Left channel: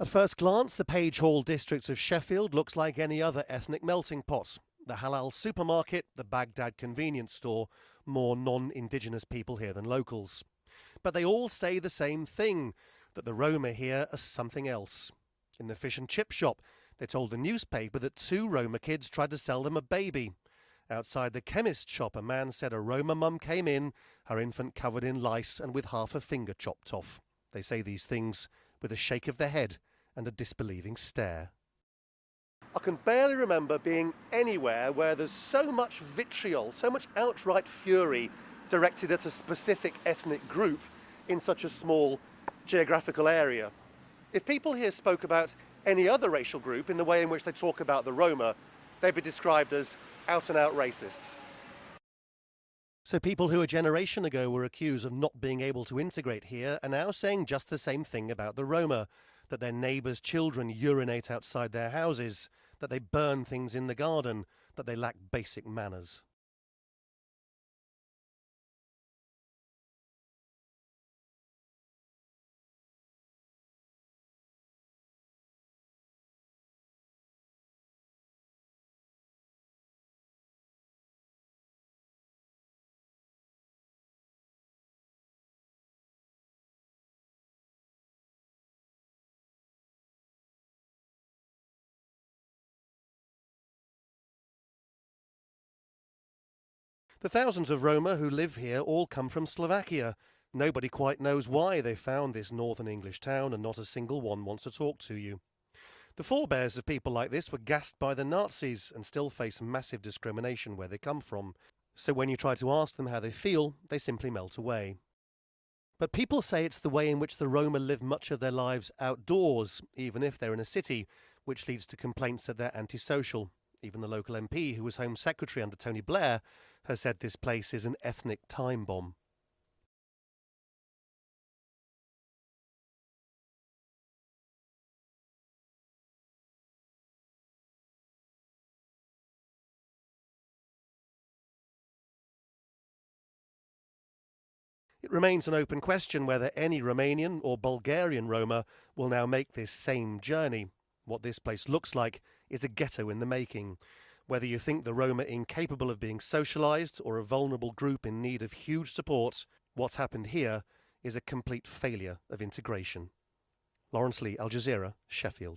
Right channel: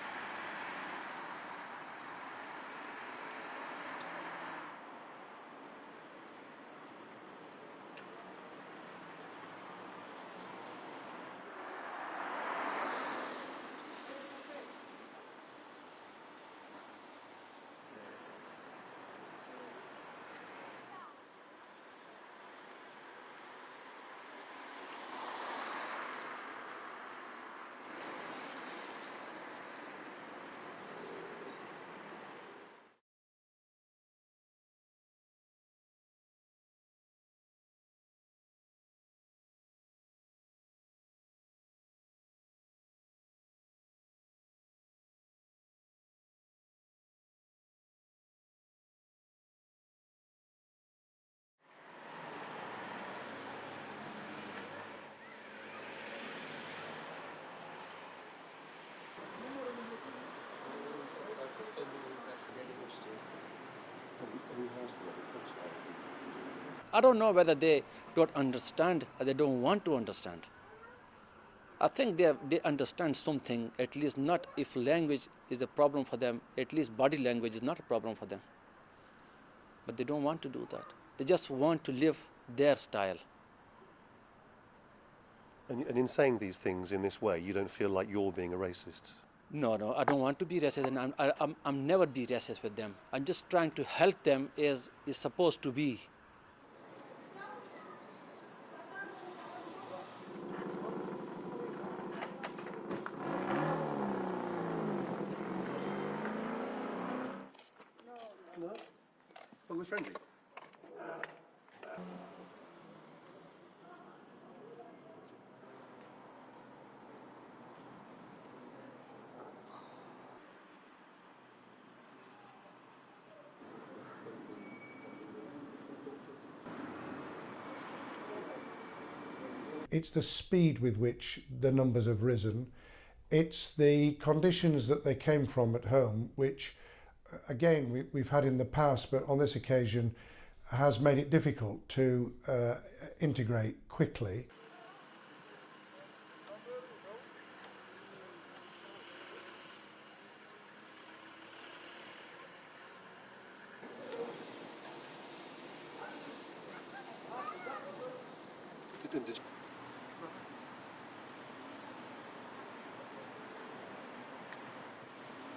At first glance, the Page Hall district of Sheffield looks like any other ethnic melting pot. The halal supermarket, the Baghdad convenience store, more non-indigenous people here than locals. But they all say the same thing, that the Roma here are something else. In the fish and chip shop, they told the newspaper that 2 Roma kids tried to sell them a baby. Outside the chemist shop, a man said a Roma mum came in, her infant covered in lice and with half a finger chopped off. They say these things with a shake of their head and a disbelieving stare. I can barely remember being anywhere where there's so much vitriol, so much outright fury directed at a specific ethnic group in such a small geographical area. If people here spoke about any other racial group in the way in which they talk about the Roma, they'd be described as out-and-out racists. So people who a generation ago were accused of not being able to integrate here are now saying just the same thing about the Roma, that their neighbours' children urinate outside their houses, that they burn things in the garden, that they lack basic manners. I don't know whether they don't understand or they don't want to understand. I think they understand something, at least not if language is a problem for them, at least body language is not a problem for them. But they don't want to do that. They just want to live their style. And in saying these things in this way, you don't feel like you're being a racist? No, I don't want to be racist, and I'm never be racist with them. I'm just trying to help them as is supposed to be. The thousands of Roma who live here all come from Slovakia. Nobody quite knows why they found this northern English town, and not a single one wants to talk to you. The forebears of people like this were gassed by the Nazis and still face massive discrimination where they come from. So when you try to ask them how they feel, they simply melt away. But people say it's the way in which the Roma live much of their lives outdoors, even if they're in a city, which leads to complaints that they're antisocial. Even the local MP, who was Home Secretary under Tony Blair, has said this place is an ethnic time bomb. It's the speed with which the numbers have risen. It's the conditions that they came from at home, which, again, we've had in the past, but on this occasion has made it difficult to integrate quickly. It remains an open question whether any Romanian or Bulgarian Roma will now make this same journey. What this place looks like is a ghetto in the making. Whether you think the Roma incapable of being socialised or a vulnerable group in need of huge support, what's happened here is a complete failure of integration. Lawrence Lee, Al Jazeera, Sheffield.